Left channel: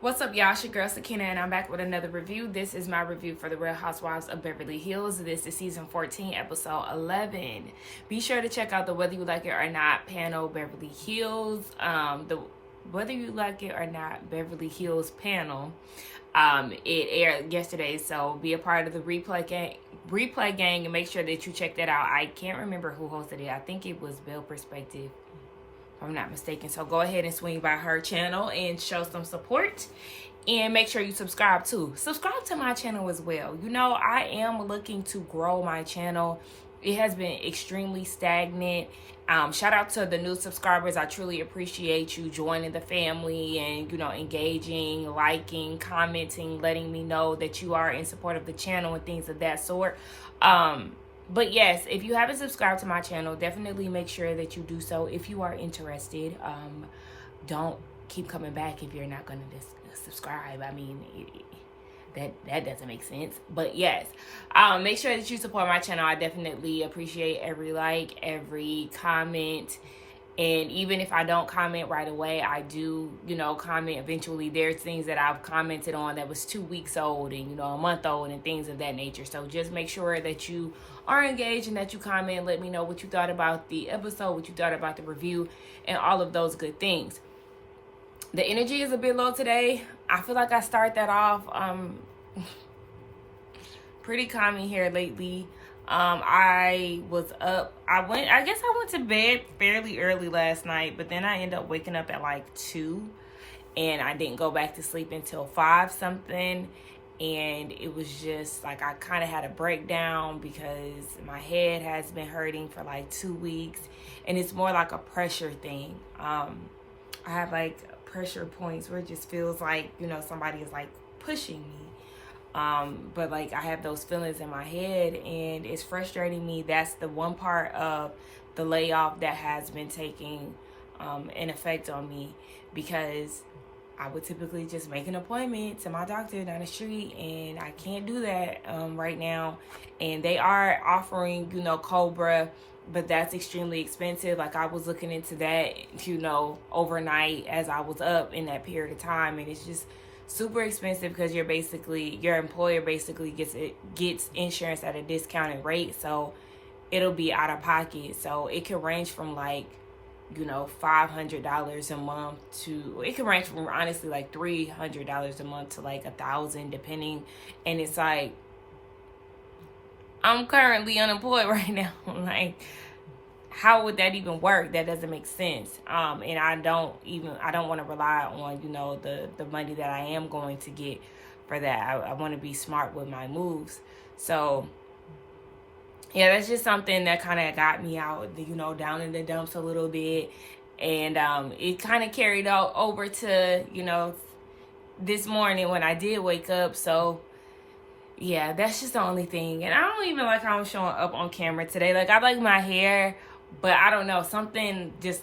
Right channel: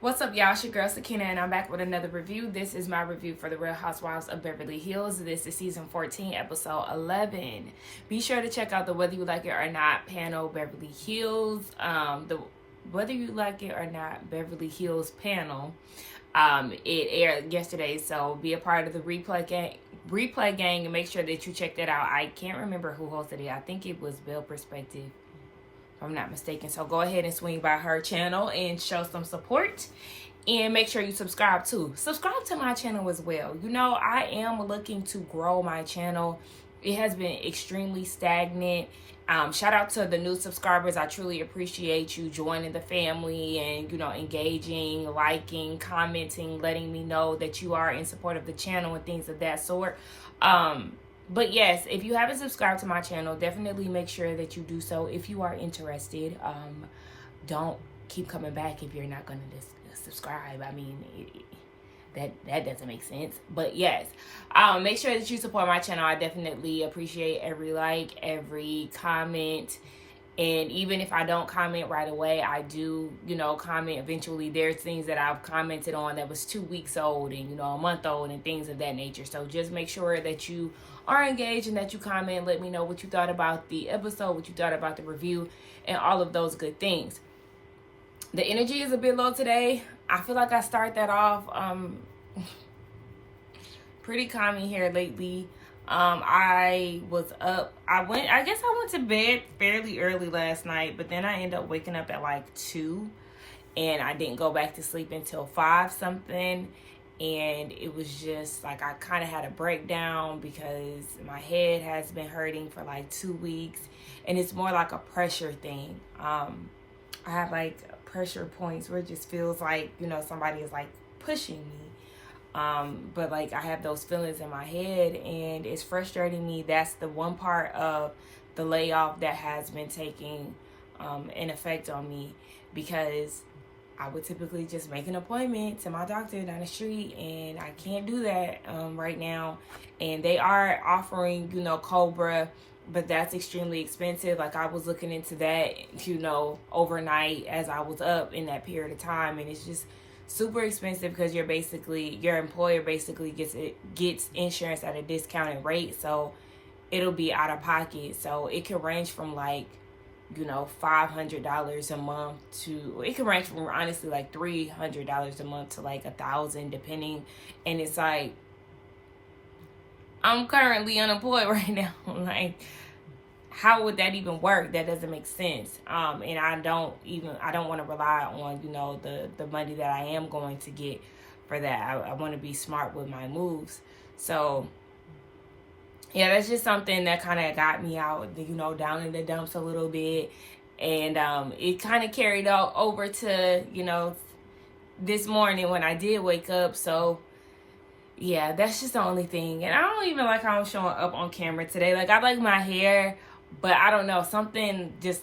What's up, y'all? It's your girl, Sakina, and I'm back with another review. This is my review for The Real Housewives of Beverly Hills. This is season 14, episode 11. Be sure to check out the Whether You Like It or Not panel, Beverly Hills. The Whether You Like It or Not Beverly Hills panel. It aired yesterday, so be a part of the replay gang, and make sure that you check that out. I can't remember who hosted it. I think it was Belle Perspective, if I'm not mistaken. So go ahead and swing by her channel and show some support, and make sure you subscribe too. Subscribe to my channel as well. You know, I am looking to grow my channel. It has been extremely stagnant. Shout out to the new subscribers. I truly appreciate you joining the family and, you know, engaging, liking, commenting, letting me know that you are in support of the channel and things of that sort. But yes, if you haven't subscribed to my channel, definitely make sure that you do so if you are interested. Don't keep coming back if you're not going to subscribe. I mean, that doesn't make sense. But yes, make sure that you support my channel. I definitely appreciate every like, every comment. And even if I don't comment right away, I do, you know, comment eventually. There's things that I've commented on that was 2 weeks old and, you know, a month old and things of that nature. So just make sure that you are engaged and that you comment. Let me know what you thought about the episode, what you thought about the review, and all of those good things. The energy is a bit low today. I feel like I start that off pretty calming here lately. I was up. I guess I went to bed fairly early last night, but then I ended up waking up at like 2, and I didn't go back to sleep until 5 something. And it was just like I kind of had a breakdown because my head has been hurting for like 2 weeks, and it's more like a pressure thing. I have like pressure points where it just feels like, you know, somebody is like pushing me. But like I have those feelings in my head, and it's frustrating me. That's the one part of the layoff that has been taking an effect on me, because I would typically just make an appointment to my doctor down the street, and I can't do that right now. And they are offering, you know, Cobra, but that's extremely expensive. Like I was looking into that, you know, overnight as I was up in that period of time, and it's just super expensive because your employer basically gets insurance at a discounted rate, so it'll be out of pocket. So it can range from like, you know, $500 a month to, it can range from honestly like $300 a month to like $1,000 depending. And it's like, I'm currently unemployed right now. Like, how would that even work? That doesn't make sense. And I don't want to rely on, you know, the money that I am going to get for that. I want to be smart with my moves. So yeah, that's just something that kind of got me out, you know, down in the dumps a little bit. And it kind of carried out over to, you know, this morning when I did wake up. So yeah, that's just the only thing. And I don't even like how I'm showing up on camera today. Like, I like my hair, but I don't know, something just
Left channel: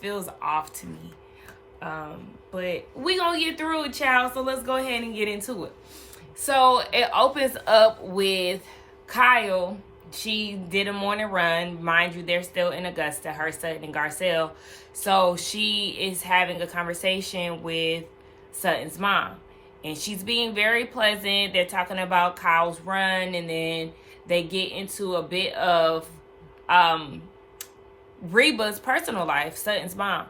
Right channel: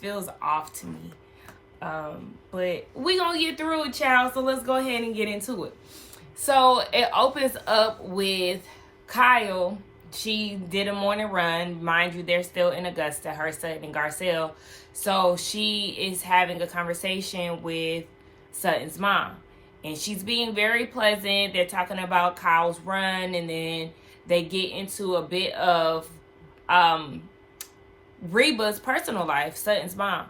feels off to me. But we gonna get through it, child. So let's go ahead and get into it. So it opens up with Kyle. She did a morning run. Mind you, they're still in Augusta, her, Sutton, and Garcelle. So she is having a conversation with Sutton's mom. And she's being very pleasant. They're talking about Kyle's run. And then they get into a bit of Reba's personal life, Sutton's mom.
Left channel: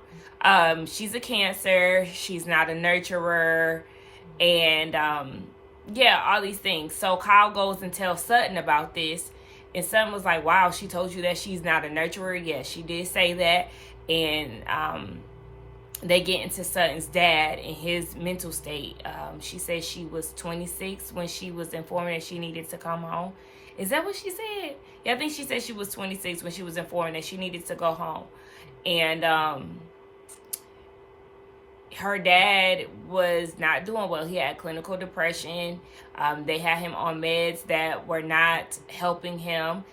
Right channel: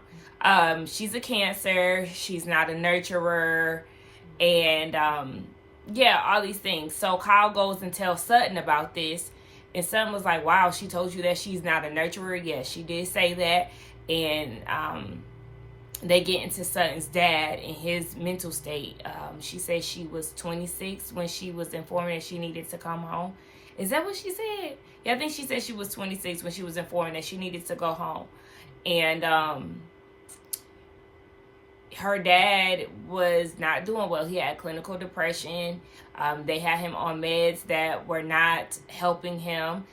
She's a Cancer. She's not a nurturer. And yeah, all these things. So Kyle goes and tells Sutton about this. And Sutton was like, wow, she told you that she's not a nurturer? Yes, she did say that. And they get into Sutton's dad and his mental state. She said she was 26 when she was informed that she needed to come home. Is that what she said? Yeah, I think she said she was 26 when she was informed that she needed to go home. And her dad was not doing well. He had clinical depression. They had him on meds that were not helping him.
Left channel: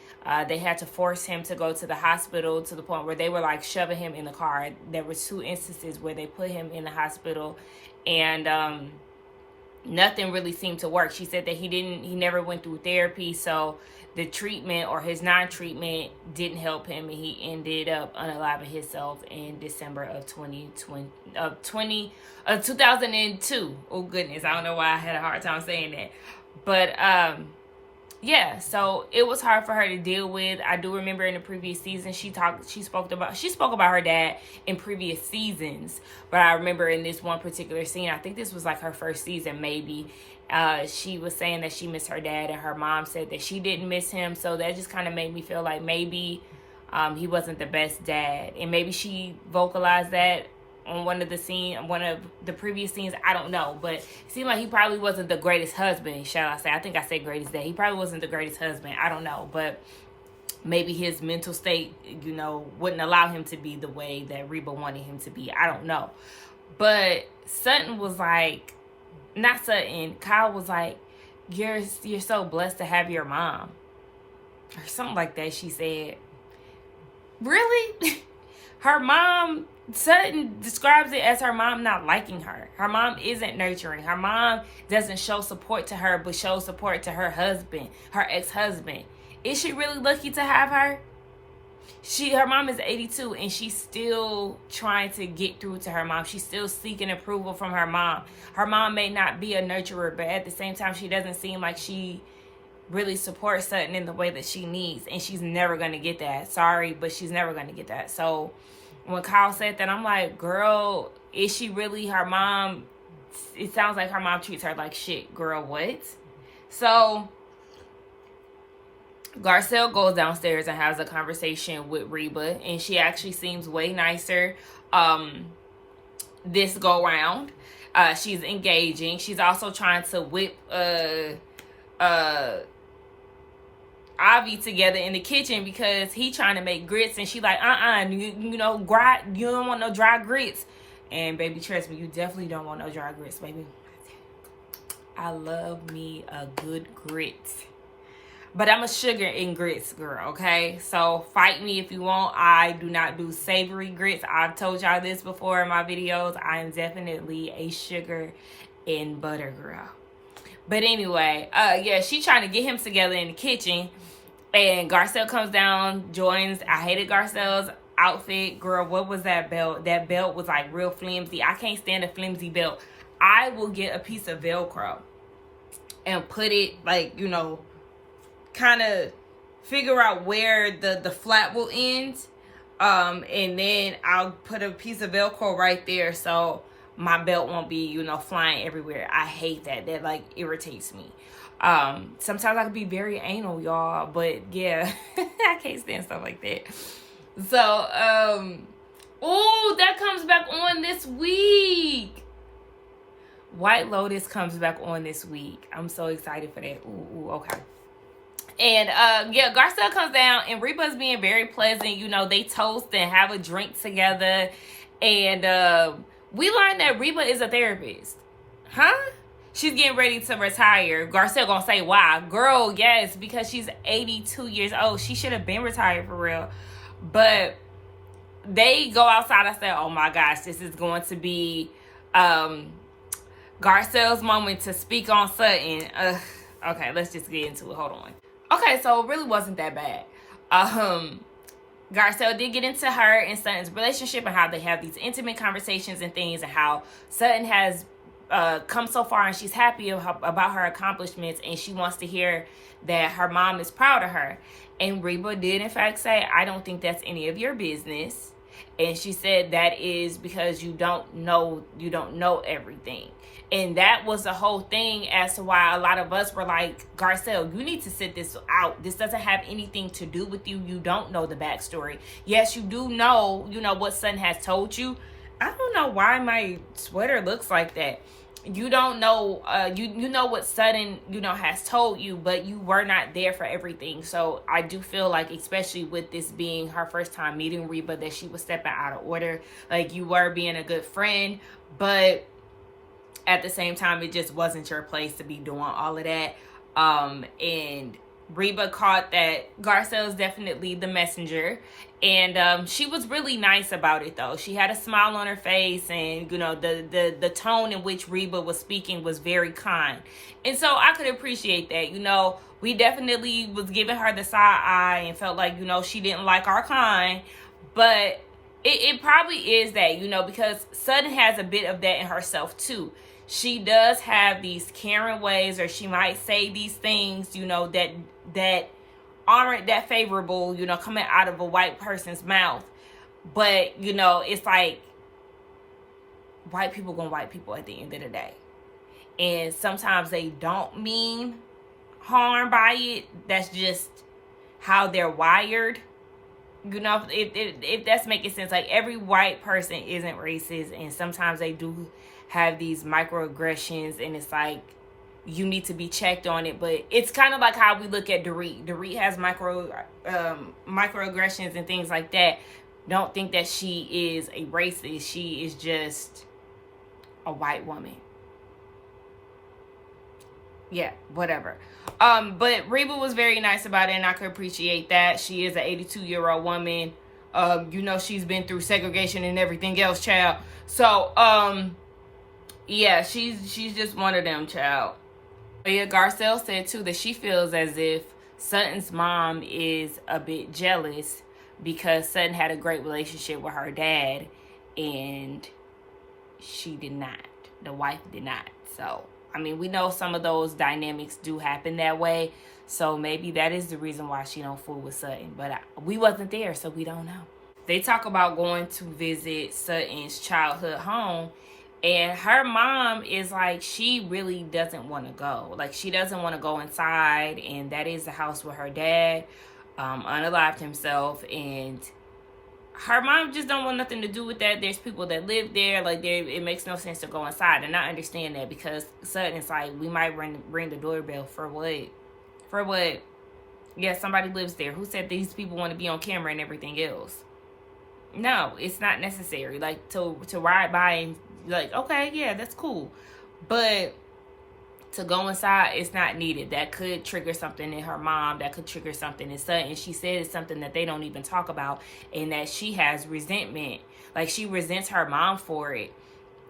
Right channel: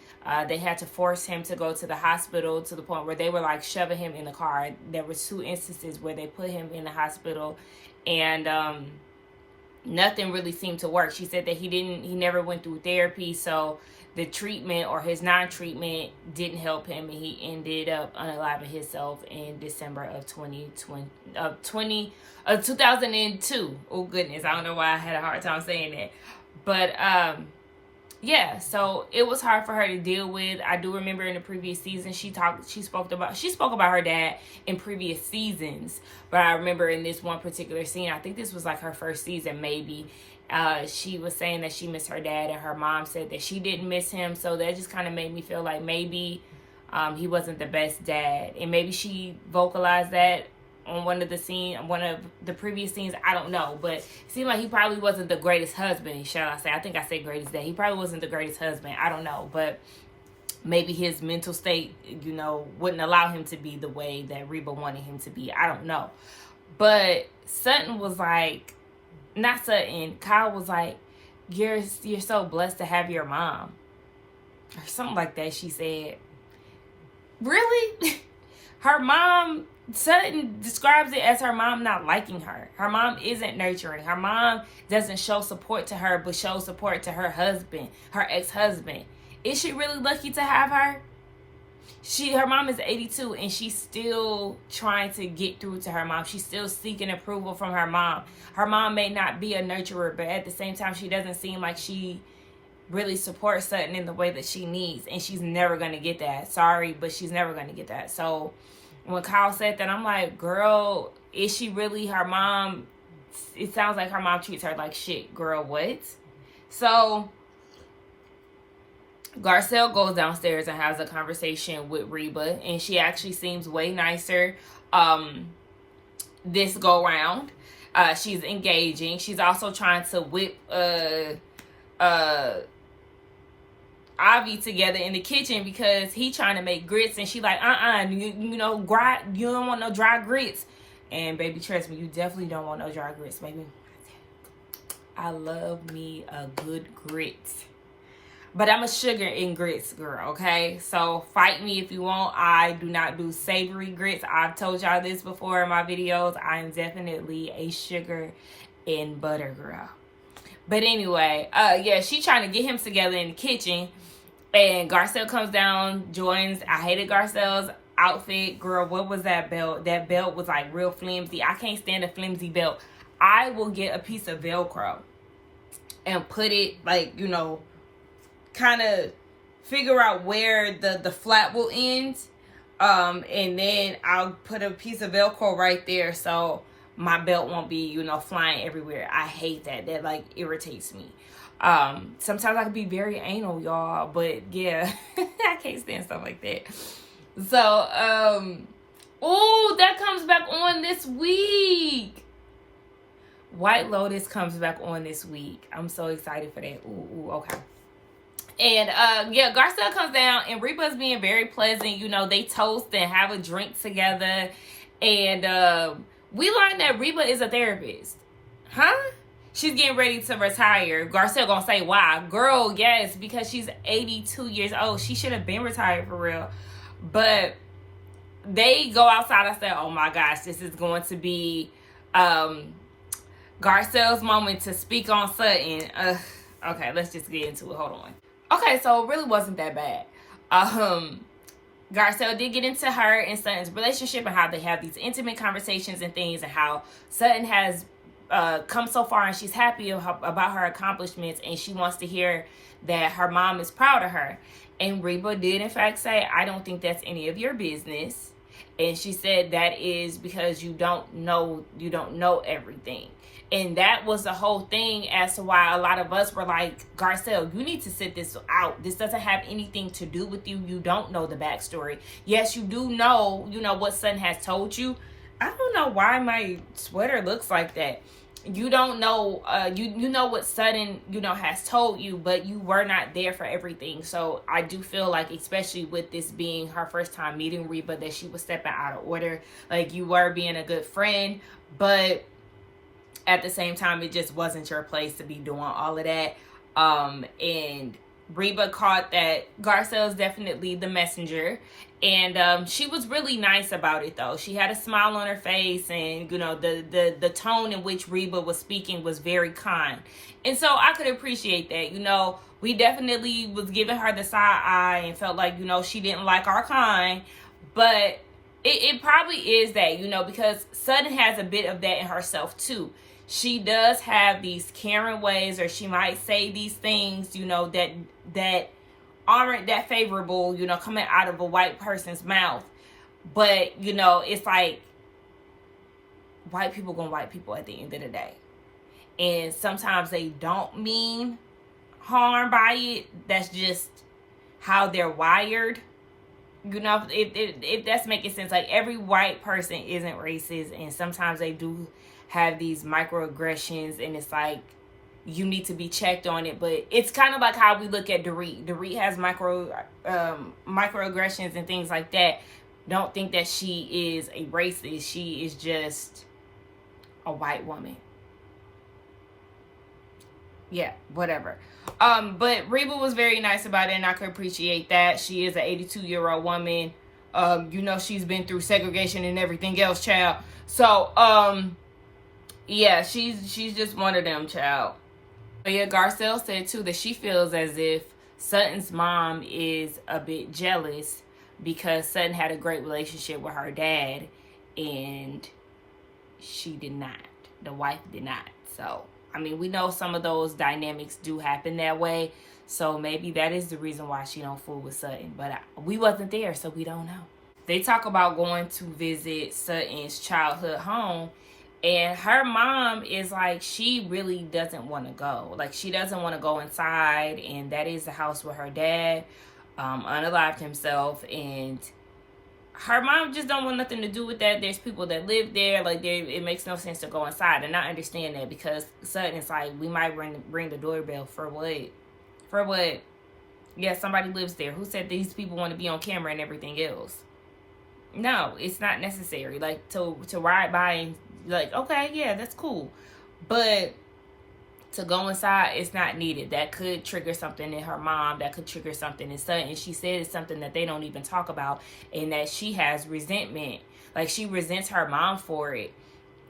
They had to force him to go to the hospital to the point where they were like shoving him in the car. There was 2 instances where they put him in the hospital, and nothing really seemed to work. She said that he never went through therapy, so the treatment or his non-treatment didn't help him, and he ended up unaliving himself in December of 2002. Oh goodness, I don't know why I had a hard time saying that. But yeah, so it was hard for her to deal with. I do remember in the previous season she spoke about her dad in previous seasons, but I remember in this one particular scene, I think this was like her first season maybe, she was saying that she missed her dad, and her mom said that she didn't miss him. So that just kind of made me feel like maybe he wasn't the best dad, and maybe she vocalized that on one of the previous scenes. I don't know, but it seemed like he probably wasn't the greatest husband, shall I say. I think I said greatest dad. He probably wasn't the greatest husband. I don't know, but maybe his mental state, wouldn't allow him to be the way that Reba wanted him to be. I don't know. But Sutton was like, not Sutton, Kyle was like, you're so blessed to have your mom. Or something like that, she said. Really? Her mom, Sutton describes it as her mom not liking her. Her mom isn't nurturing. Her mom doesn't show support to her, but shows support to her husband, her ex-husband. Is she really lucky to have her? Her mom is 82, and she's still trying to get through to her mom. She's still seeking approval from her mom. Her mom may not be a nurturer, but at the same time, she doesn't seem like she really supports Sutton in the way that she needs, and she's never going to get that. Sorry, but she's never going to get that. So when Kyle said that, I'm like, girl, is she really her mom? It sounds like her mom treats her like shit. Girl, what? So Garcelle goes downstairs and has a conversation with Reba, and she actually seems way nicer this go round. She's engaging. She's also trying to whip Avi together in the kitchen because he trying to make grits, and she like, you don't want no dry grits. And baby, trust me, you definitely don't want no dry grits, baby. I love me a good grits. But I'm a sugar and grits girl, okay? So fight me if you want. I do not do savory grits. I've told y'all this before in my videos. I am definitely a sugar and butter girl. But anyway, yeah, she trying to get him together in the kitchen. And Garcelle comes down, joins. I hated Garcelle's outfit. Girl, what was that belt? That belt was like real flimsy. I can't stand a flimsy belt. I will get a piece of Velcro and put it like, kind of figure out where the flap will end. And then I'll put a piece of Velcro right there so my belt won't be, flying everywhere. I hate that. That like irritates me. Sometimes I can be very anal, y'all, but yeah, I can't stand stuff like that. So, oh, that comes back on this week. White Lotus comes back on this week. I'm so excited for that. Ooh, okay. And yeah, Garcelle comes down, and Reba's being very pleasant. They toast and have a drink together. And we learned that Reba is a therapist. Huh? She's getting ready to retire. Garcelle gonna say why. Girl, yes, because she's 82 years old. She should have been retired for real. But they go outside. I said, oh my gosh, this is going to be Garcelle's moment to speak on Sutton. Okay, let's just get into it. Hold on. Okay, so it really wasn't that bad. Garcelle did get into her and Sutton's relationship and how they have these intimate conversations and things, and how Sutton has come so far and she's happy about her accomplishments, and she wants to hear that her mom is proud of her. And Reba did in fact say, I don't think that's any of your business. And she said that is because you don't know everything. And that was the whole thing as to why a lot of us were like, Garcelle, you need to sit this out. This doesn't have anything to do with you. You don't know the backstory. Yes, you do know, what Sutton has told you. I don't know why my sweater looks like that. You don't know, you know what Sutton, has told you, but you were not there for everything. So I do feel like, especially with this being her first time meeting Reba, that she was stepping out of order. Like, you were being a good friend, but at the same time, it just wasn't your place to be doing all of that. And Reba caught that Garcelle is definitely the messenger. And she was really nice about it, though. She had a smile on her face, and, you know, the tone in which Reba was speaking was very kind. And so I could appreciate that. You know, we definitely was giving her the side eye and felt like, you know, she didn't like our kind. But it probably is that, you know, because Sutton has a bit of that in herself, too. She does have these Karen ways, or she might say these things, you know, that aren't that favorable, you know, coming out of a white person's mouth. But, you know, it's like white people gonna white people at the end of the day. And sometimes they don't mean harm by it. That's just how they're wired. You know, if that's making sense. Like, every white person isn't racist, and sometimes they do have these microaggressions, and it's like, you need to be checked on it. But it's kind of like how we look at Dorit. Dorit has microaggressions and things like that. Don't think that she is a racist. She is just a white woman. Yeah, whatever. But Reba was very nice about it, and I could appreciate that. She is an 82-year-old woman. You know, she's been through segregation and everything else, child. So, yeah, she's just one of them, child. But yeah, Garcelle said too that she feels as if Sutton's mom is a bit jealous because Sutton had a great relationship with her dad, and she did not. The wife did not. So, I mean, we know some of those dynamics do happen that way. So maybe that is the reason why she don't fool with Sutton. But we wasn't there, so we don't know. They talk about going to visit Sutton's childhood home. And her mom is like, she really doesn't want to go. Like, she doesn't want to go inside. And that is the house where her dad unalived himself. And her mom just don't want nothing to do with that. There's people that live there. Like, it makes no sense to go inside. And I understand that, because Sutton is like, we might ring the doorbell for what? For what? Yeah, somebody lives there. Who said these people want to be on camera and everything else? No, it's not necessary. Like, to ride by and, like, okay, yeah, that's cool. But to go inside, it's not needed. That could trigger something in her mom. That could trigger something in Sutton. She said it's something that they don't even talk about, and that she has resentment. Like, she resents her mom for it.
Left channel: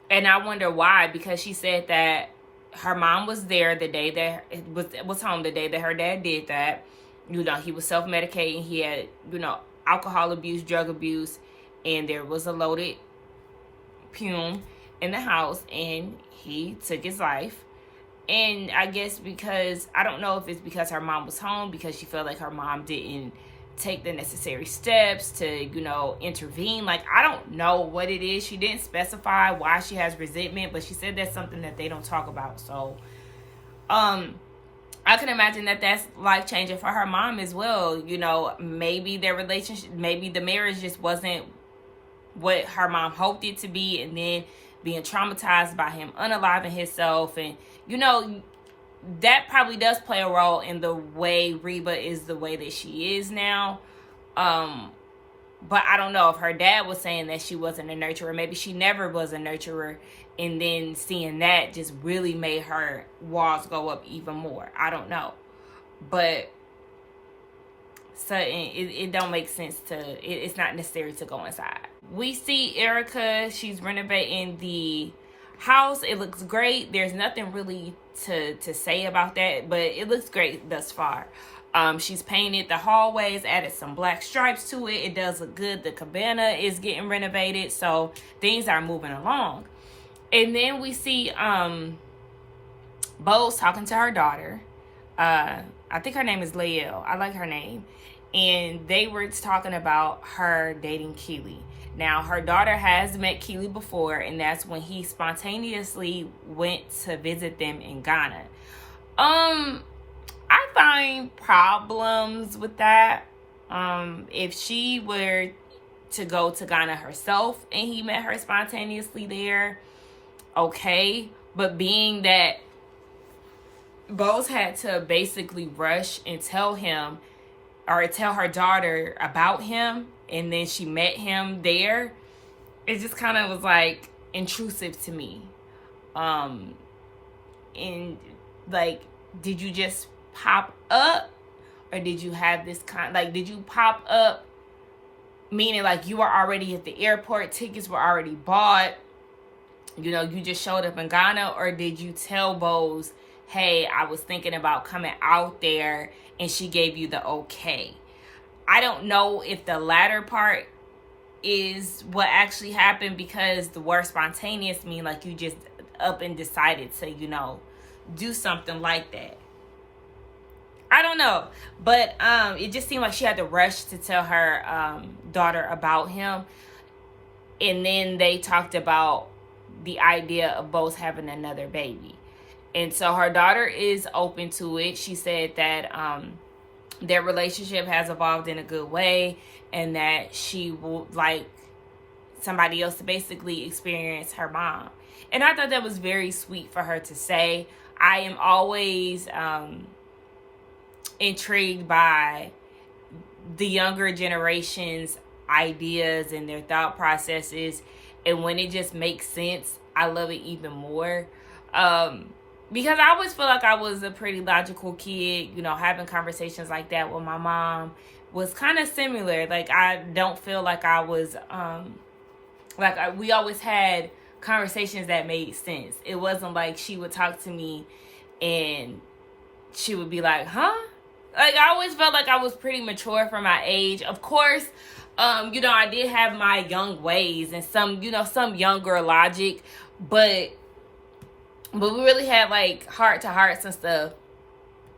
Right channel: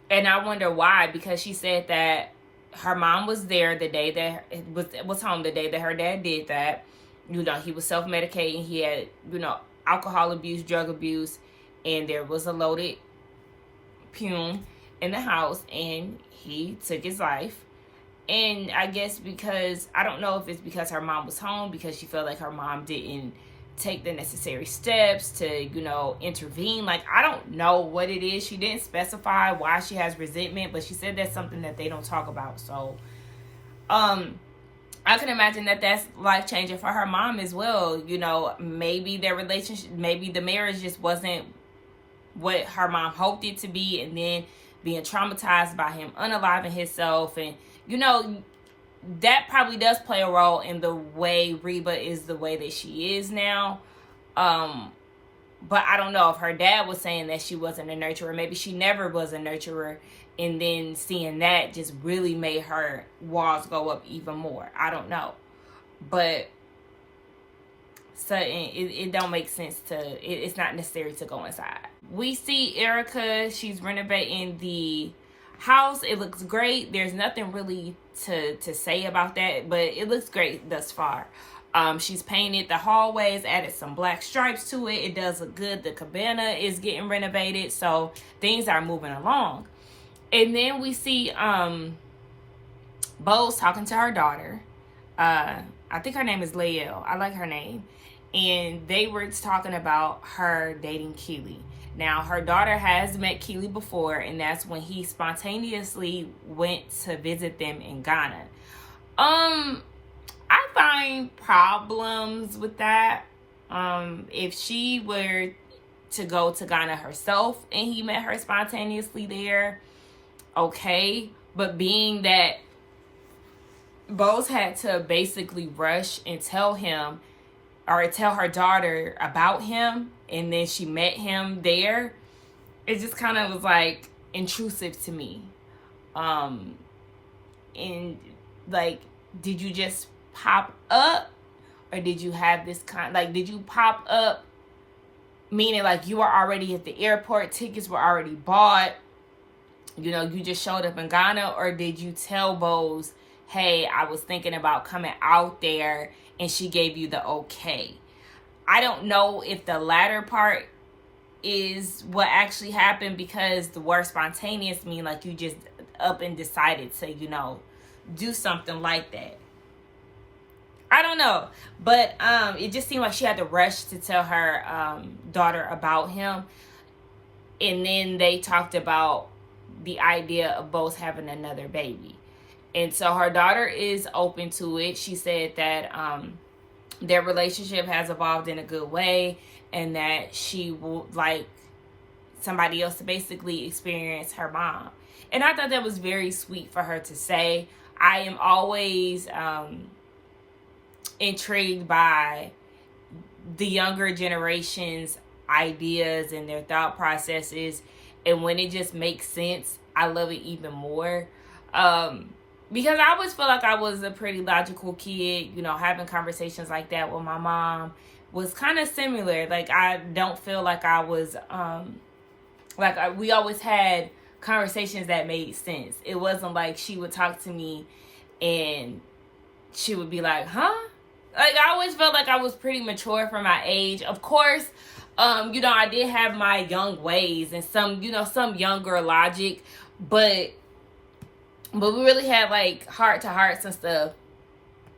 And I wonder why, because she said that her mom was there the day that was home the day that her dad did that. You know, he was self-medicating. He had, you know, alcohol abuse, drug abuse, and there was a loaded fume in the house, and he took his life. And I guess because, I don't know if it's because her mom was home, because she felt like her mom didn't take the necessary steps to, you know, intervene. Like, I don't know what it is. She didn't specify why she has resentment, but she said that's something that they don't talk about. So, I can imagine that that's life-changing for her mom as well. You know, maybe their relationship, maybe the marriage just wasn't what her mom hoped it to be, and then being traumatized by him unaliving himself. And, you know, that probably does play a role in the way Reba is the way that she is now. But I don't know if her dad was saying that she wasn't a nurturer. Maybe she never was a nurturer, and then seeing that just really made her walls go up even more. I don't know. But Sutton, it don't make sense it's not necessary to go inside. We see Erica. She's renovating the house. It looks great. There's nothing really to say about that, but it looks great thus far. She's painted the hallways, added some black stripes to it. It does look good. The cabana is getting renovated, so things are moving along. And then we see Bose talking to her daughter. I think her name is Lael. I like her name. And they were talking about her dating Keely. Now, her daughter has met Keely before, and that's when he spontaneously went to visit them in Ghana. I find problems with that. If she were to go to Ghana herself and he met her spontaneously there, okay. But being that Bose had to basically rush and tell him, or tell her daughter about him, and then she met him there, it just kind of was like intrusive to me. And like, did you just pop up, or did you have this kind, like, did you pop up meaning like you were already at the airport, tickets were already bought, you know, you just showed up in Ghana? Or did you tell Bose, hey, I was thinking about coming out there, and she gave you the okay? I don't know if the latter part is what actually happened, because the word spontaneous mean like you just up and decided to, you know, do something like that. I don't know, but it just seemed like she had to rush to tell her daughter about him. And then they talked about the idea of Bose having another baby. And so her daughter is open to it. She said that their relationship has evolved in a good way, and that she would like somebody else to basically experience her mom. And I thought that was very sweet for her to say. I am always intrigued by the younger generation's ideas and their thought processes, and when it just makes sense, I love it even more. Because I always feel like I was a pretty logical kid, you know, having conversations like that with my mom was kind of similar. Like, I don't feel like I was, we always had conversations that made sense. It wasn't like she would talk to me and she would be like, huh? Like, I always felt like I was pretty mature for my age. Of course, you know, I did have my young ways and some, you know, some younger logic, but we really had like heart to hearts and stuff.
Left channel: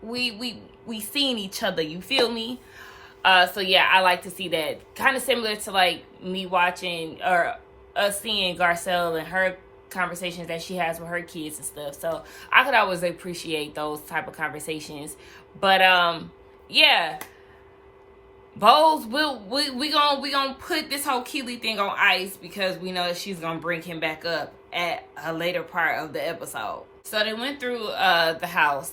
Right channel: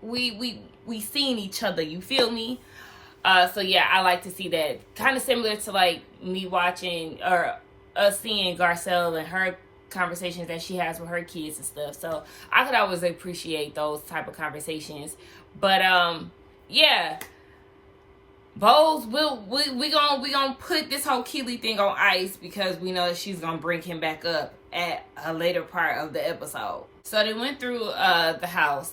We seen each other, you feel me? So yeah, I like to see that. Kind of similar to like me watching or us seeing Garcelle and her conversations that she has with her kids and stuff. So I could always appreciate those type of conversations. But yeah, Bose, we gonna put this whole Keely thing on ice, because we know she's gonna bring him back up at a later part of the episode. So they went through the house.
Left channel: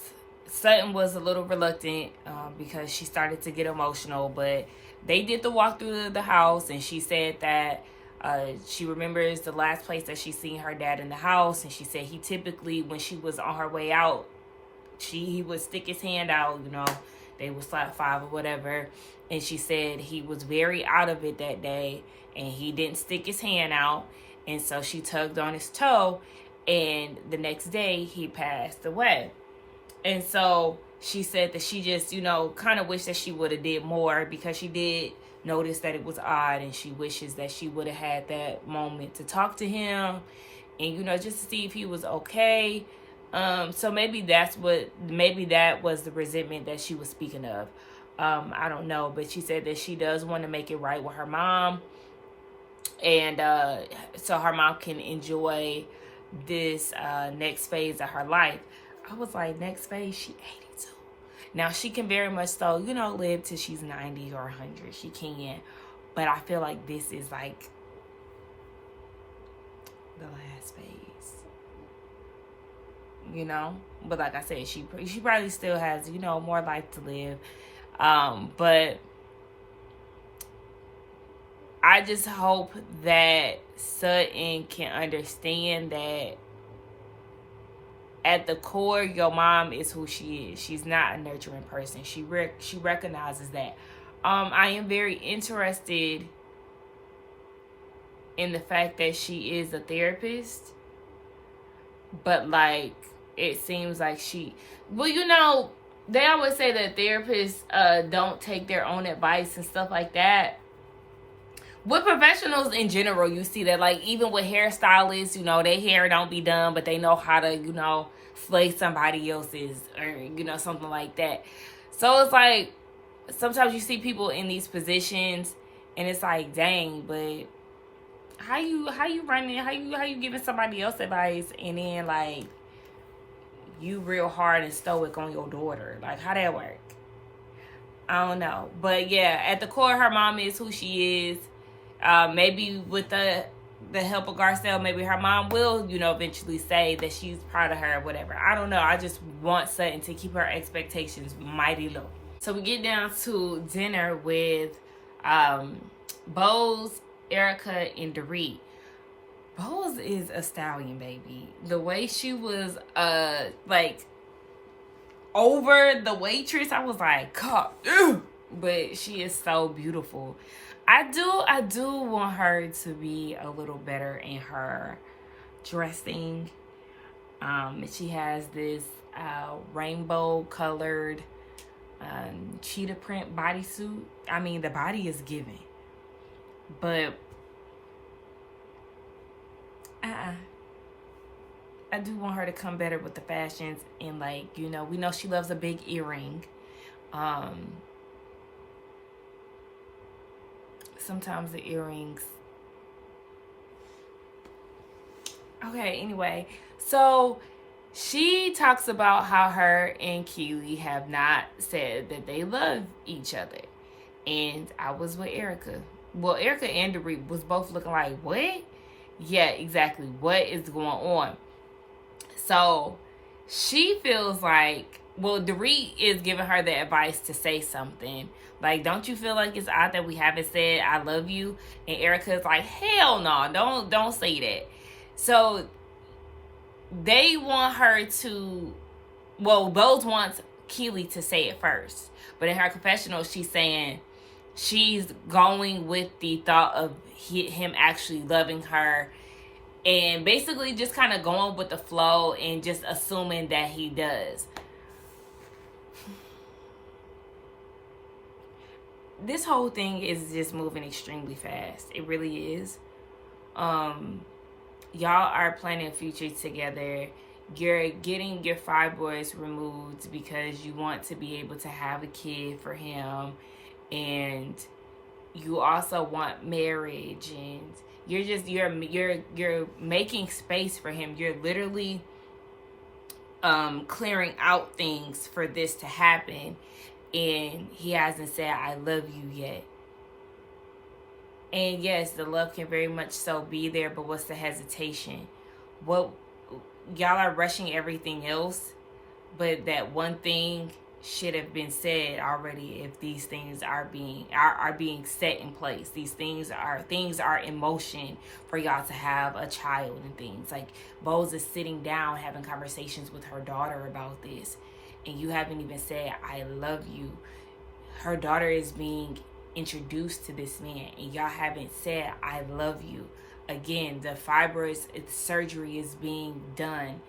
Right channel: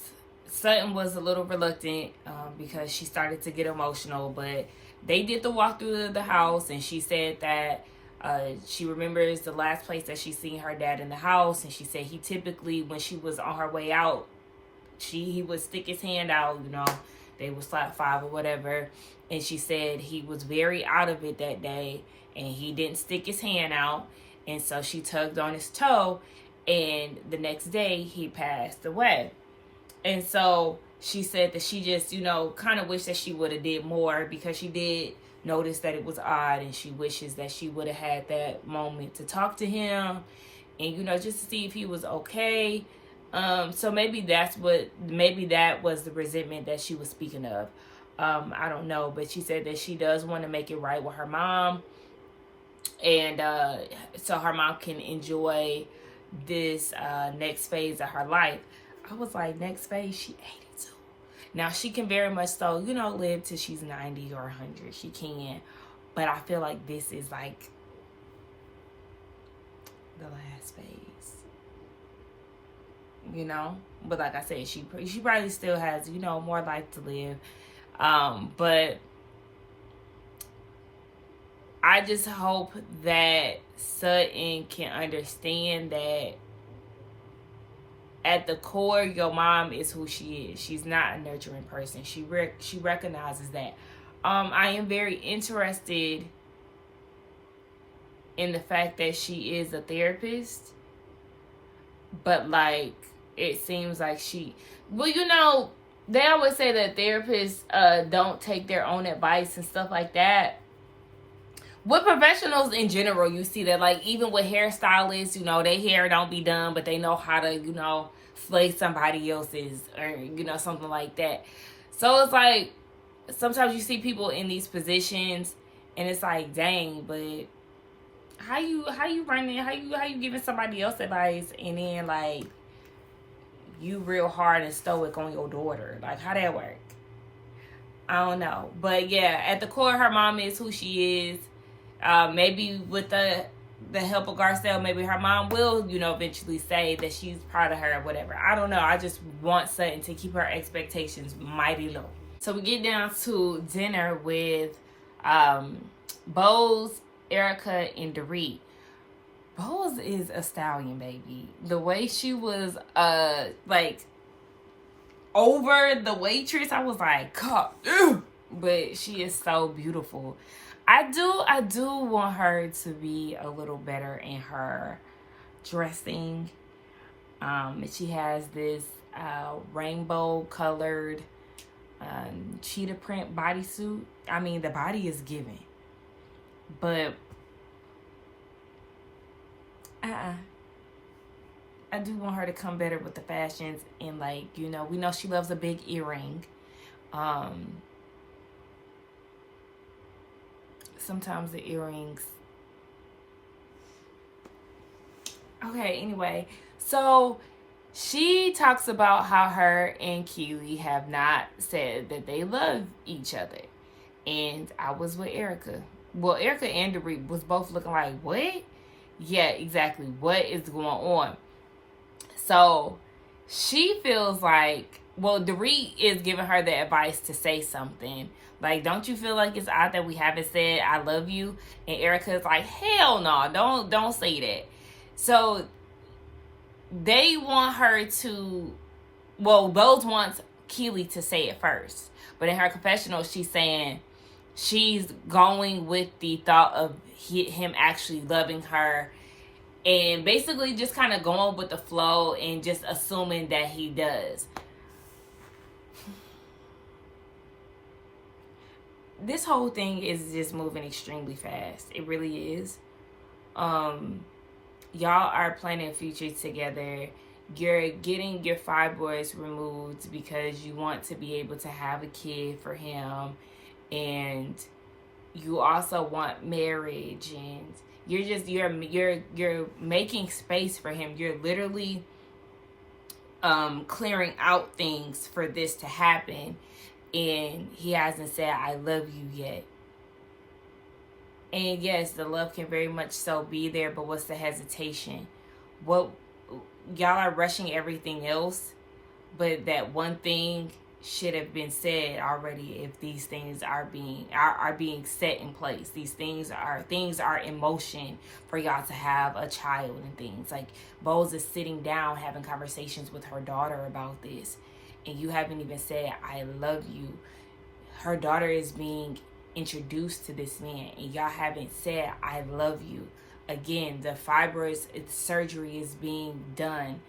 Sutton was a little reluctant because she started to get emotional, but they did the walk through the house, and she said that she remembers the last place that she seen her dad in the house, and she said he typically, when she was on her way out, he would stick his hand out, you know, they would slap five or whatever, and she said he was very out of it that day, and he didn't stick his hand out, and so she tugged on his toe, and the next day he passed away. And so she said that she just, you know, kind of wished that she would have did more, because she did notice that it was odd, and she wishes that she would have had that moment to talk to him and, you know, just to see if he was okay. So maybe that was the resentment that she was speaking of. I don't know, but she said that she does want to make it right with her mom, and so her mom can enjoy this next phase of her life. I was like, next phase, she 82. Now, she can very much so, you know, live till she's 90 or 100. She can. But I feel like this is like the last phase. You know? But like I said, she probably still has, you know, more life to live. But I just hope that Sutton can understand that at the core, your mom is who she is. She's not a nurturing person. She recognizes that. I am very interested in the fact that she is a therapist, but like it seems like well, you know, they always say that therapists don't take their own advice and stuff like that. With professionals in general, you see that, like, even with hairstylists, you know, their hair don't be done, but they know how to, you know, slay somebody else's, or, you know, something like that. So it's like, sometimes you see people in these positions, and it's like, dang, but how you running, how you giving somebody else advice, and then, like, you real hard and stoic on your daughter? Like, how that work? I don't know. But yeah, at the core, her mom is who she is. Maybe with the help of Garcelle, maybe her mom will, you know, eventually say that she's proud of her or whatever. I don't know. I just want Sutton to keep her expectations mighty low. So we get down to dinner with Bose, Erica, and Dorit. Bose is a stallion, baby. The way she was, like, over the waitress, I was like, God, but she is so beautiful. I do want her to be a little better in her dressing. She has this rainbow colored cheetah print bodysuit. I mean, the body is giving, but I do want her to come better with the fashions, and like, you know, we know she loves a big earring. Sometimes the earrings. Okay, anyway, so she talks about how her and Keely have not said that they love each other. And I was with Erica. Well, Erica and Dorit was both looking like, what? Yeah, exactly. What is going on? So she feels like, well, Dorit is giving her the advice to say something. Like, don't you feel like it's odd that we haven't said I love you? And Erica's like, hell no, don't say that. So they want her to, well, Bose wants Keely to say it first. But in her confessional, she's saying she's going with the thought of him actually loving her, and basically just kind of going with the flow and just assuming that he does. This whole thing is just moving extremely fast. It really is. Y'all are planning a future together. You're getting your fibroids removed because you want to be able to have a kid for him, and you also want marriage, and you're making space for him. You're literally clearing out things for this to happen, and he hasn't said I love you yet. And yes, the love can very much so be there, but what's the hesitation? What, y'all are rushing everything else, but that one thing should have been said already if these things are being set in place. These things are in motion for y'all to have a child and things. Like, Bose is sitting down having conversations with her daughter about this, and you haven't even said I love you. Her daughter is being introduced to this man, and y'all haven't said I love you. Again, the fibroids surgery is being done,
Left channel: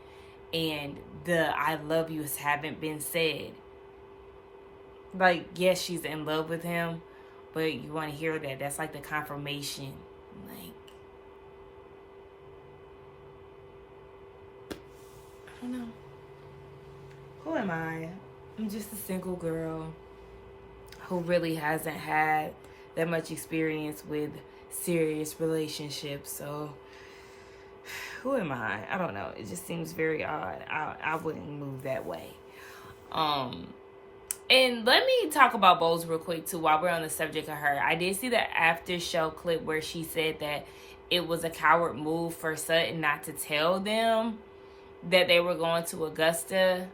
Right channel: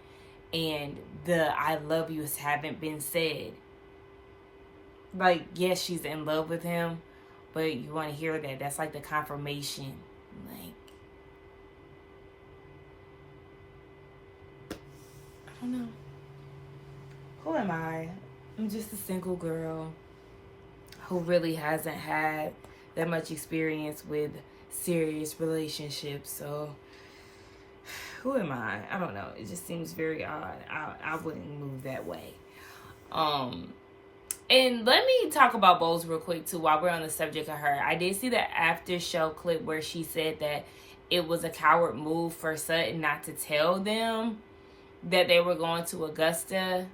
and the I love yous haven't been said. Like, yes, she's in love with him, but you want to hear that. That's like the confirmation. Like, I don't know. Who am I? I'm just a single girl who really hasn't had that much experience with serious relationships. So, who am I? I don't know. It just seems very odd. I wouldn't move that way. And let me talk about Bose real quick, too, while we're on the subject of her. I did see the after show clip where she said that it was a coward move for Sutton not to tell them that they were going to Augusta.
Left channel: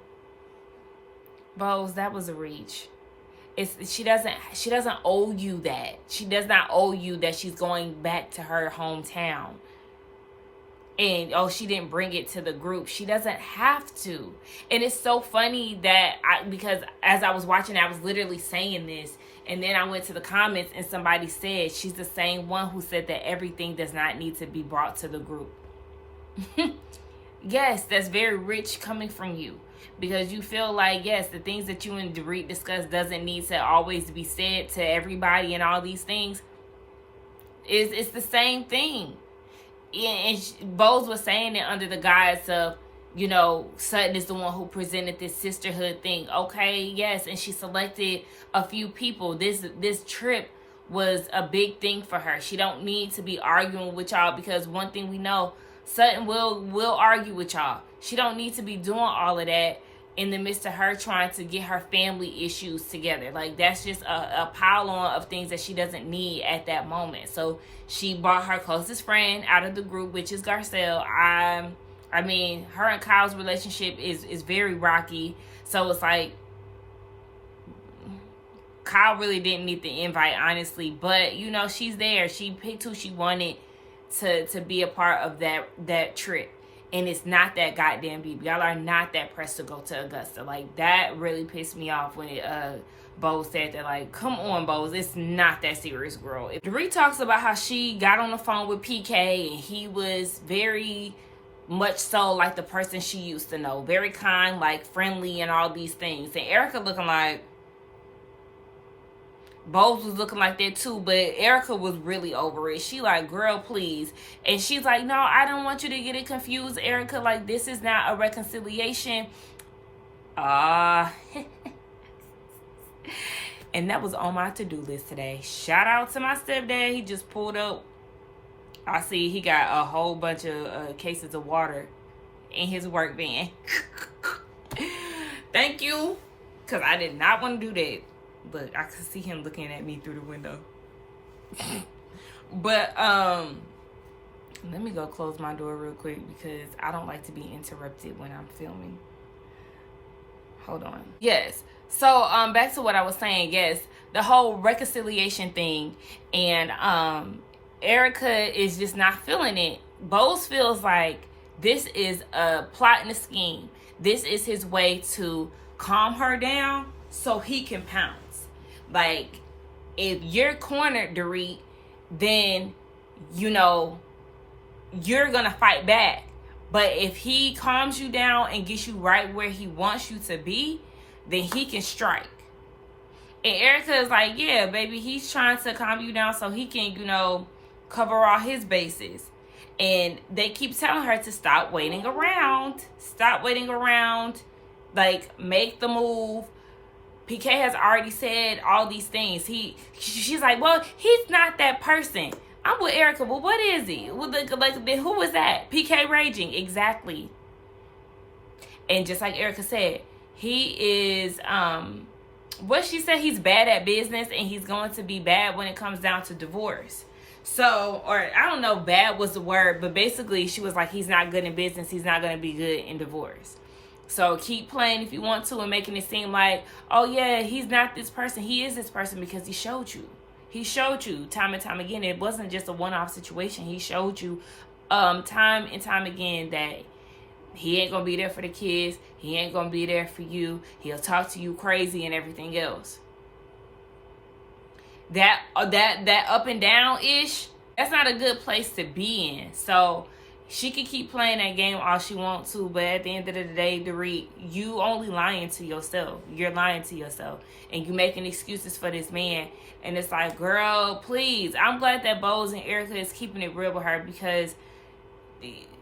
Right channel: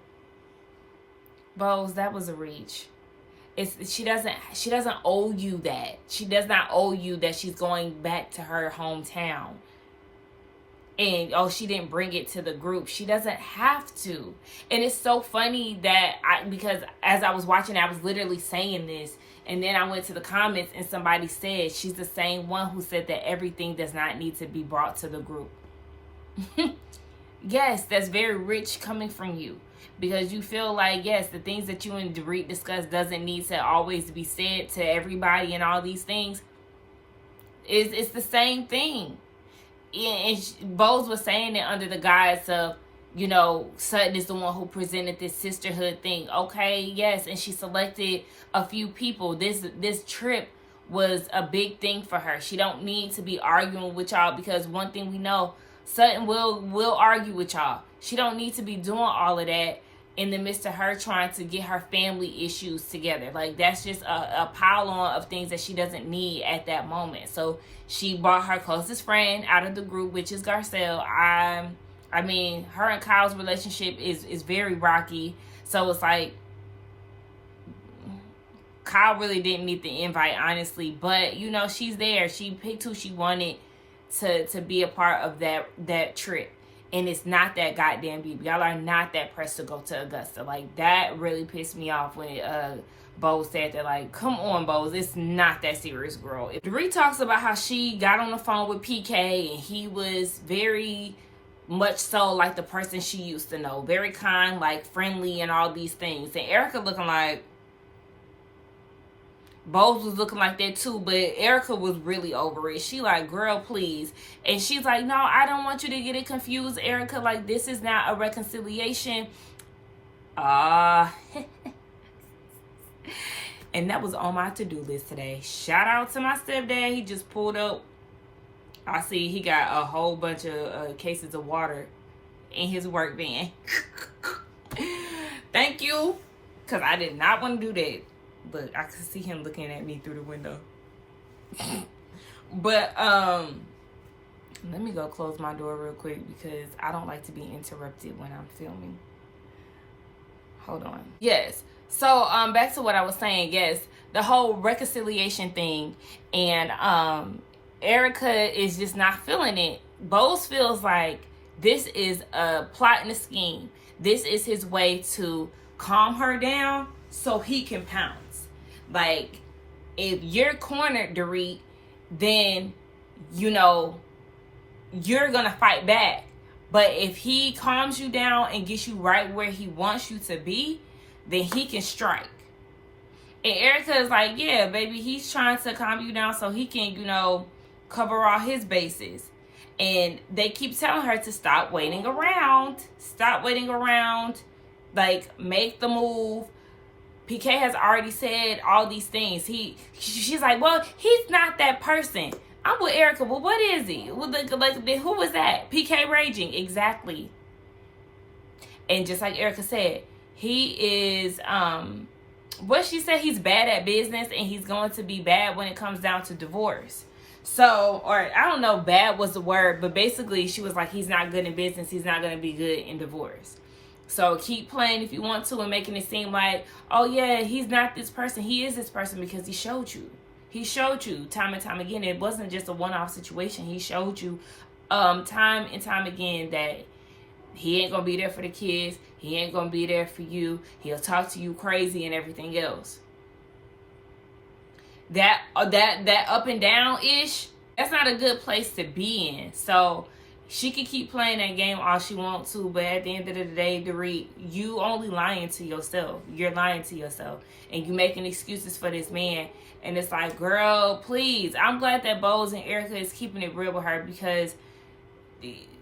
Bose, that was a reach. She doesn't owe you that. She does not owe you that she's going back to her hometown. And, she didn't bring it to the group. She doesn't have to. And it's so funny that because as I was watching, I was literally saying this. And then I went to the comments and somebody said she's the same one who said that everything does not need to be brought to the group. Yes, that's very rich coming from you. Because you feel like, yes, the things that you and Dorit discuss doesn't need to always be said to everybody and all these things. It's the same thing. And Bose was saying it under the guise of, Sutton is the one who presented this sisterhood thing. Okay, yes, and she selected a few people. This trip was a big thing for her. She don't need to be arguing with y'all, because one thing we know, Sutton will argue with y'all. She don't need to be doing all of that in the midst of her trying to get her family issues together. Like, that's just a pile on of things that she doesn't need at that moment. So she brought her closest friend out of the group, which is Garcelle. I mean, her and Kyle's relationship is very rocky. So it's like, Kyle really didn't need the invite, honestly. But, she's there. She picked who she wanted to be a part of that trip. And it's not that goddamn deep. Y'all are not that pressed to go to Augusta. Like, that really pissed me off when Bose said that, like, come on, Bose, it's not that serious, girl. Dorit talks about how she got on the phone with PK and he was very much so like the person she used to know. Very kind, like friendly and all these things. And Erica looking like, Bose was looking like that too, but Erica was really over it. She like, girl, please. And she's like, no, I don't want you to get it confused, Erica. Like, this is not a reconciliation. And that was on my to-do list today. Shout out to my stepdad. He just pulled up. I see he got a whole bunch of cases of water in his work van. Thank you. Because I did not want to do that. But I could see him looking at me through the window. But, let me go close my door real quick because I don't like to be interrupted when I'm filming. Hold on. Yes. So, back to what I was saying. Yes, the whole reconciliation thing. And, Erica is just not feeling it. Bose feels like this is a plot and a scheme. This is his way to calm her down so he can pounce. Like, if you're cornered, Dorit, then, you know, you're going to fight back. But if he calms you down and gets you right where he wants you to be, then he can strike. And Erica is like, yeah, baby, he's trying to calm you down so he can, you know, cover all his bases. And they keep telling her to stop waiting around. Stop waiting around. Like, make the move. PK has already said all these things. She's like, well, he's not that person. I'm with Erica. Well, what is he? Well, like, who was that? PK raging. Exactly. And just like Erica said, he is, what she said, he's bad at business and he's going to be bad when it comes down to divorce. So, or I don't know, bad was the word, but basically she was like, he's not good in business. He's not going to be good in divorce. So keep playing if you want to and making it seem like, oh yeah, he's not this person. He is this person because he showed you. He showed you time and time again. It wasn't just a one-off situation. He showed you time and time again that he ain't going to be there for the kids. He ain't going to be there for you. He'll talk to you crazy and everything else. That up and down ish, that's not a good place to be in. So she can keep playing that game all she wants to, but at the end of the day, Dorit, you only lying to yourself. You're lying to yourself, and you making excuses for this man. And it's like, girl, please. I'm glad that Bose and Erica is keeping it real with her because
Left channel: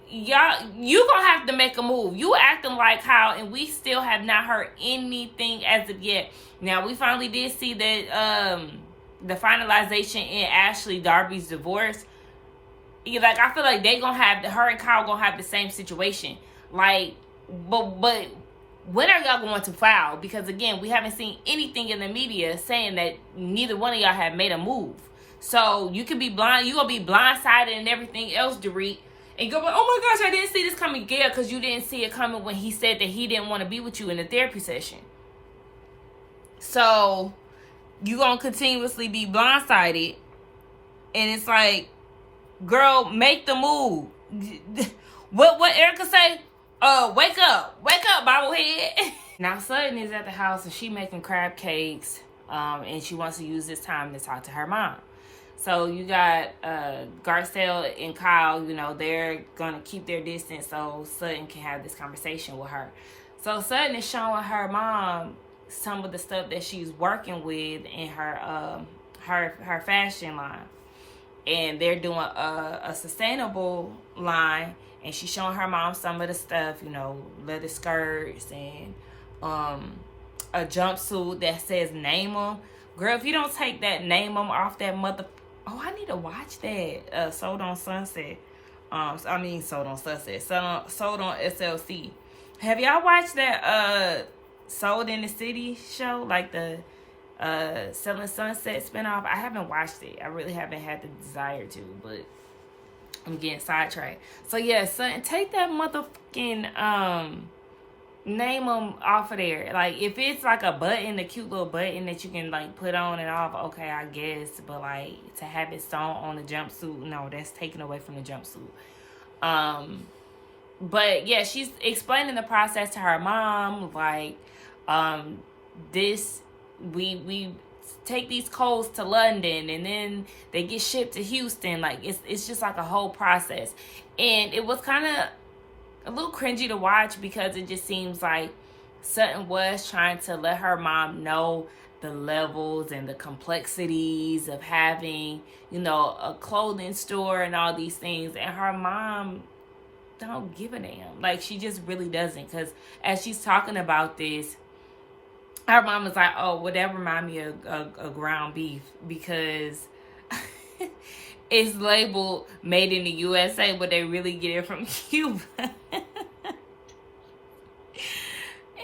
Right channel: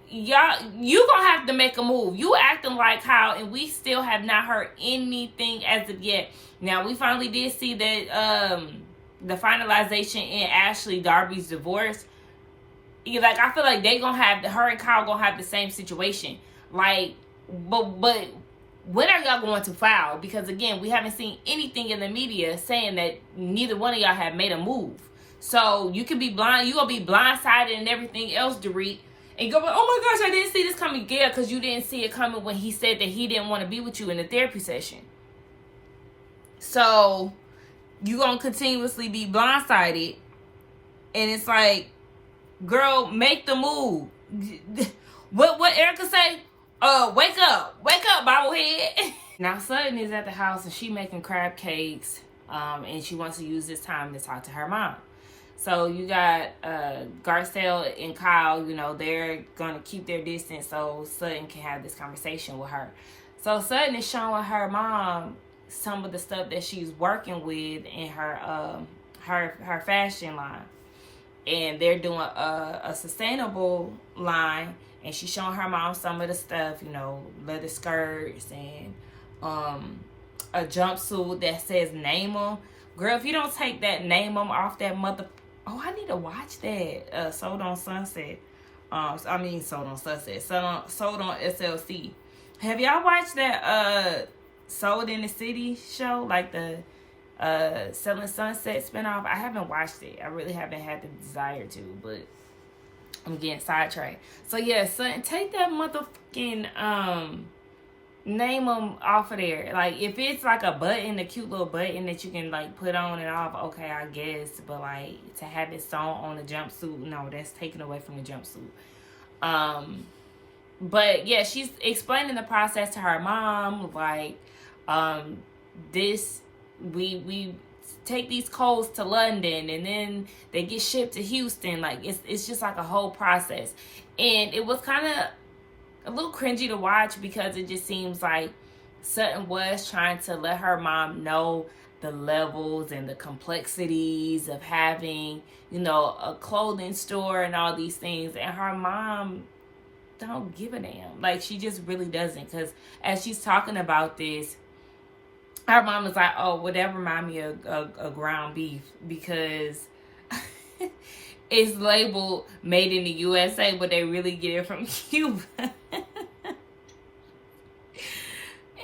y'all, you gonna have to make a move. You acting like how, and we still have not heard anything as of yet. Now we finally did see that the finalization in Ashley Darby's divorce. Like, I feel like they gonna have, her and Kyle gonna have the same situation. Like, but when are y'all going to file? Because again, we haven't seen anything in the media saying that neither one of y'all have made a move. So you can be blind, you gonna be blindsided and everything else, Dorit, and go, oh my gosh, I didn't see this coming. Yeah, because you didn't see it coming when he said that he didn't want to be with you in the therapy session. So you gonna continuously be blindsided, and it's like, girl, make the move. What Erica say? Wake up, bobblehead. Now Sutton is at the house and she making crab cakes, and she wants to use this time to talk to her mom. So you got Garcelle and Kyle, you know, they're gonna keep their distance so Sutton can have this conversation with her. So Sutton is showing her mom some of the stuff that she's working with in her fashion line, and they're doing a sustainable line. And she's showing her mom some of the stuff, you know, leather skirts and a jumpsuit that says name 'em. Girl, if you don't take that name 'em off that mother... Oh, I need to watch that. Sold on Sunset. Sold on Sunset. Sold on SLC. Have y'all watched that Sold in the City show? Like the Selling Sunset spinoff? I haven't watched it. I really haven't had the desire to, but I'm getting sidetracked. So yeah, son, take that motherfucking name them off of there. Like, if it's like a button, a cute little button that you can like put on and off, okay, I guess. But like to have it sewn on the jumpsuit, no, that's taken away from the jumpsuit. But yeah, she's explaining the process to her mom, like, this we take these clothes to London and then they get shipped to Houston. Like it's just like a whole process. And it was kind of a little cringy to watch because it just seems like Sutton was trying to let her mom know the levels and the complexities of having, you know, a clothing store and all these things. And her mom don't give a damn. Like, she just really doesn't. Because as she's talking about this, her mom was like, oh, well, that remind me of ground beef because it's labeled made in the USA, but they really get it from Cuba.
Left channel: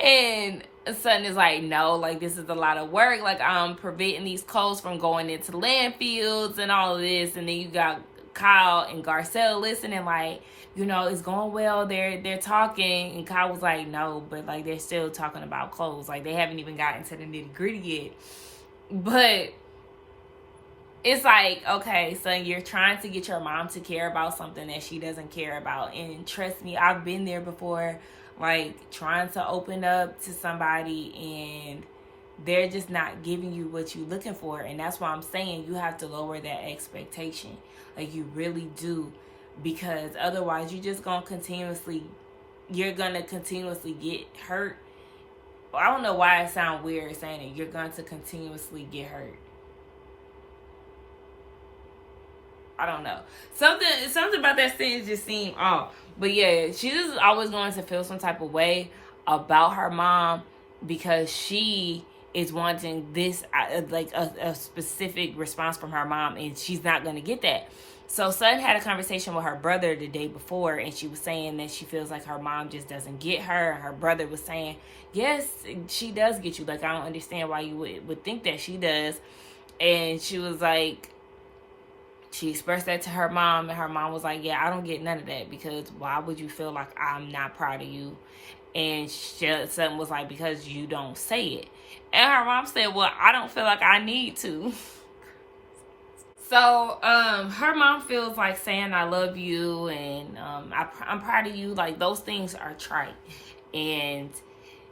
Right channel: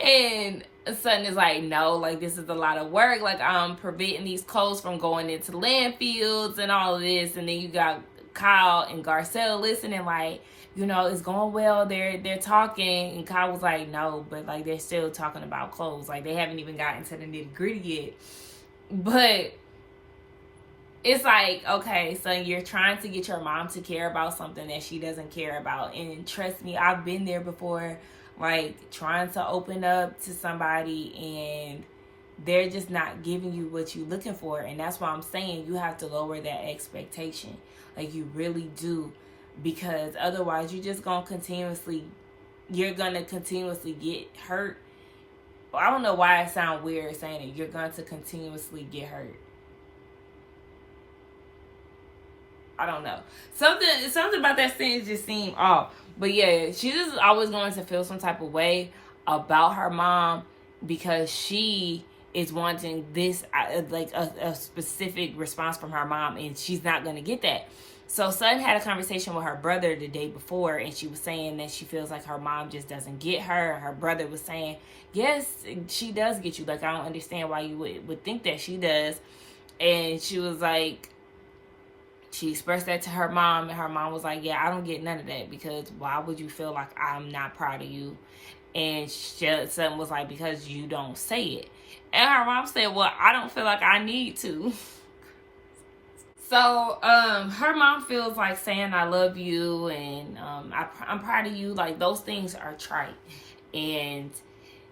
And Sutton is like, no, like, this is a lot of work. Like, I'm preventing these clothes from going into landfills and all of this. And then you got Kyle and Garcelle listening, like, you know, it's going well. They're talking. And Kyle was like, no, but, like, they're still talking about clothes. Like, they haven't even gotten to the nitty-gritty yet. But it's like, okay, so you're trying to get your mom to care about something that she doesn't care about. And trust me, I've been there before. Like, trying to open up to somebody and they're just not giving you what you're looking for. And that's why I'm saying you have to lower that expectation. Like, you really do. Because otherwise, you're just going to continuously get hurt. Well, I don't know why it sounds weird saying it. You're going to continuously get hurt. I don't know. Something about that sentence just seemed off. But yeah, she's just always going to feel some type of way about her mom because she is wanting this, like a specific response from her mom, and she's not going to get that. So Sutton had a conversation with her brother the day before, and she was saying that she feels like her mom just doesn't get her. And her brother was saying, yes, she does get you. Like, I don't understand why you would think that she does. And she was like, she expressed that to her mom, and her mom was like, yeah, I don't get none of that because why would you feel like I'm not proud of you? And Sutton was like, because you don't say it. And her mom said, well, I don't feel like I need to. So, her mom feels like saying I love you and I'm proud of you. Like, those things are trite. And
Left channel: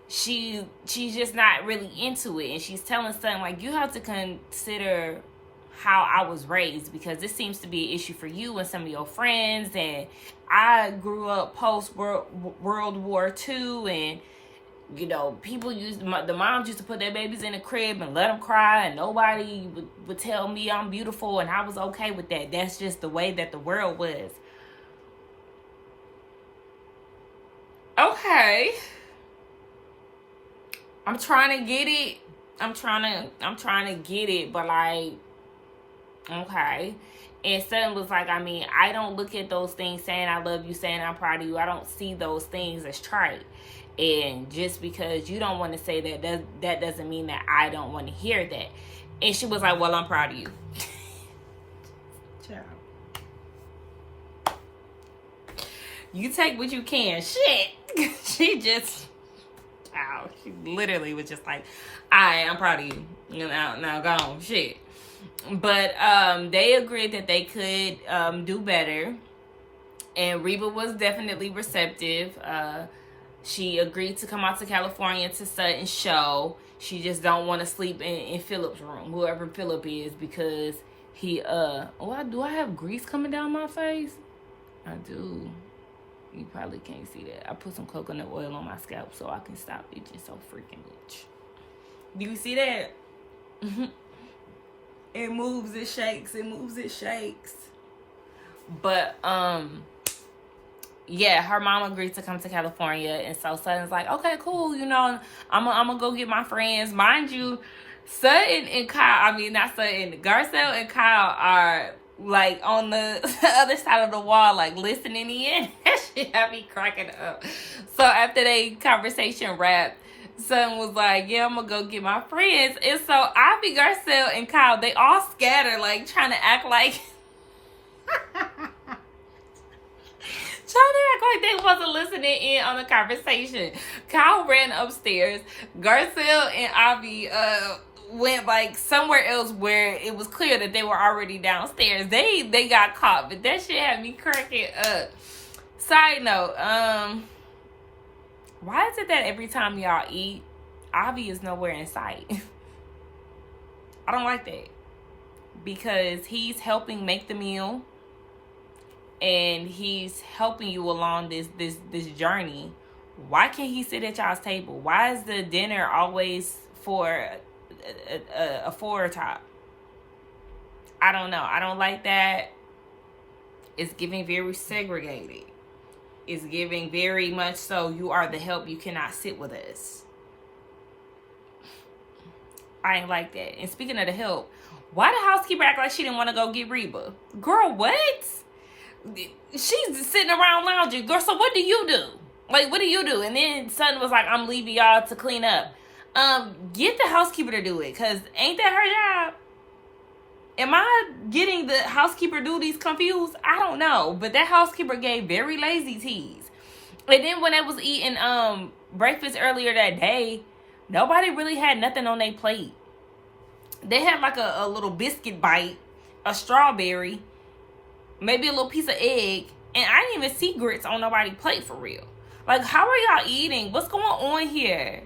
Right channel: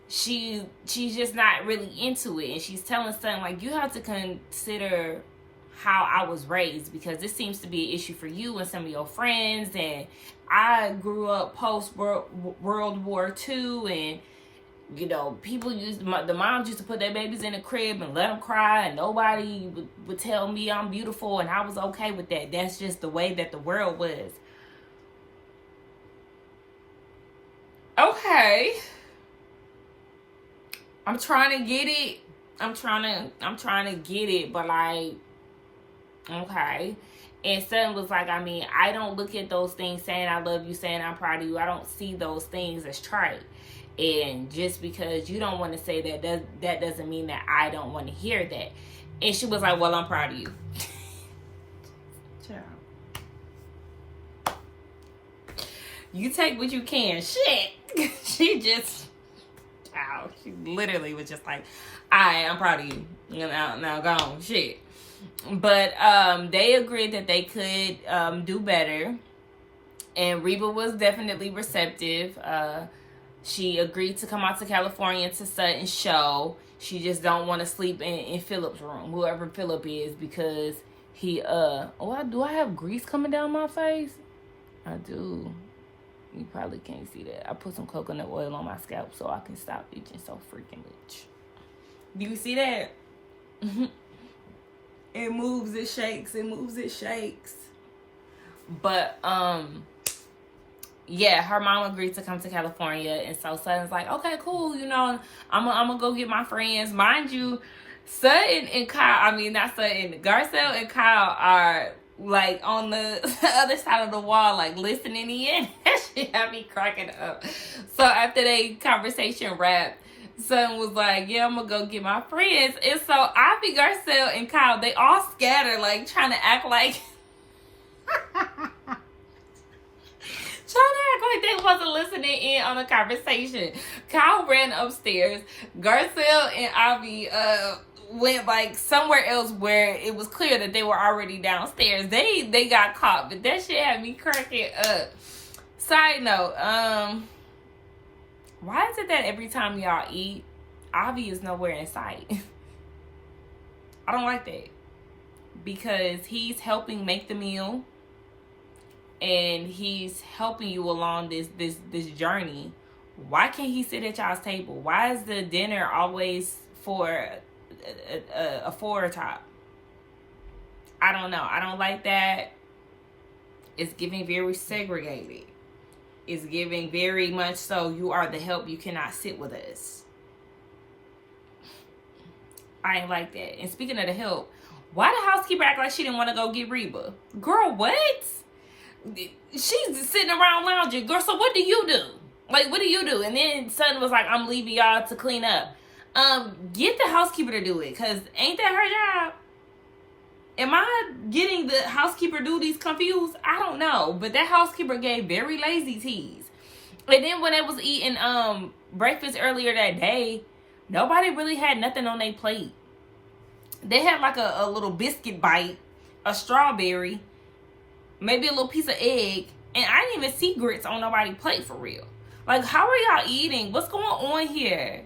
she's just not really into it. And she's telling Sutton, like, you have to consider how I was raised because this seems to be an issue for you and some of your friends. And I grew up post World War II, and you know, people the moms used to put their babies in the crib and let them cry, and nobody would tell me I'm beautiful, and I was okay with that. That's just the way that the world was. Okay, I'm trying to get it. I'm trying to get it, but like, okay. And Sutton was like, I mean, I don't look at those things saying I love you, saying I'm proud of you. I don't see those things as trite. And just because you don't want to say that doesn't mean that I don't want to hear that. And she was like, well, I'm proud of you. Child. You take what you can. Shit. She literally was just like, I'm proud of you. You know, now go on. Shit. But they agreed that they could do better. And Reba was definitely receptive. She agreed to come out to California to Sutton's show. She just don't want to sleep in Philip's room, whoever Philip is, because he, do I have grease coming down my face? I do. You probably can't see that. I put some coconut oil on my scalp so I can stop itching so freaking much. Do you see that? It moves, it shakes, it moves, it shakes. But, yeah, her mom agreed to come to California, and so Sutton's like, okay, cool, you know, I'm gonna go get my friends. Mind you, Sutton and Kyle, Garcelle and Kyle are, like, on the other side of the wall, like, listening in. That shit had me cracking up. So after they conversation wrapped, Sutton was like, yeah, I'm gonna go get my friends. And so Ivy, Garcelle, and Kyle, they all scattered, like, trying to act like they wasn't listening in on the conversation. Kyle ran upstairs. Garcelle and Ivy went like somewhere else where it was clear that they were already downstairs. They got caught, but that shit had me cracking up. Side note, why is it that every time y'all eat, Ivy is nowhere in sight? I don't like that. Because he's helping make the meal. And he's helping you along this journey. Why can't he sit at y'all's table? Why is the dinner always for a four top? I don't know. I don't like that. It's giving very segregated. It's giving very much so you are the help. You cannot sit with us. I ain't like that. And speaking of the help, why the housekeeper act like she didn't want to go get Reba? Girl, what? She's sitting around lounging. Girl, so what do you do? Like, what do you do? And then Sutton was like, I'm leaving y'all to clean up. Get the housekeeper to do it. Because ain't that her job? Am I getting the housekeeper duties confused? I don't know. But that housekeeper gave very lazy teas. And then when they was eating breakfast earlier that day, nobody really had nothing on their plate. They had like a little biscuit bite, a strawberry, maybe a little piece of egg. And I didn't even see grits on nobody's plate for real. Like, how are y'all eating? What's going on here?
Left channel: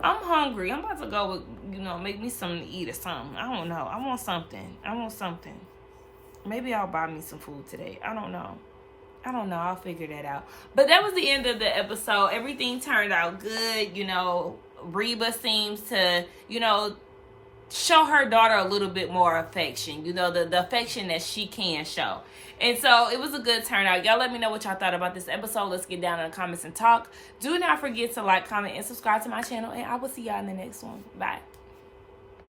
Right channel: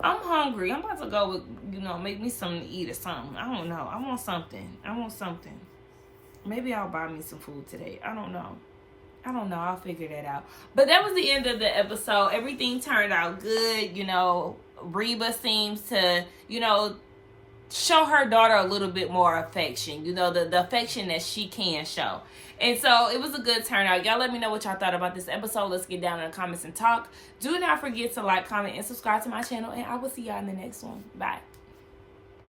I'm hungry. I'm about to go with, make me something to eat or something. I don't know. I want something. Maybe I'll buy me some food today. I don't know. I'll figure that out. But that was the end of the episode. Everything turned out good. Reba seems to, show her daughter a little bit more affection. The affection that she can show. And so it was a good turnout. Y'all let me know what y'all thought about this episode. Let's get down in the comments and talk. Do not forget to like, comment, and subscribe to my channel. And I will see y'all in the next one. Bye.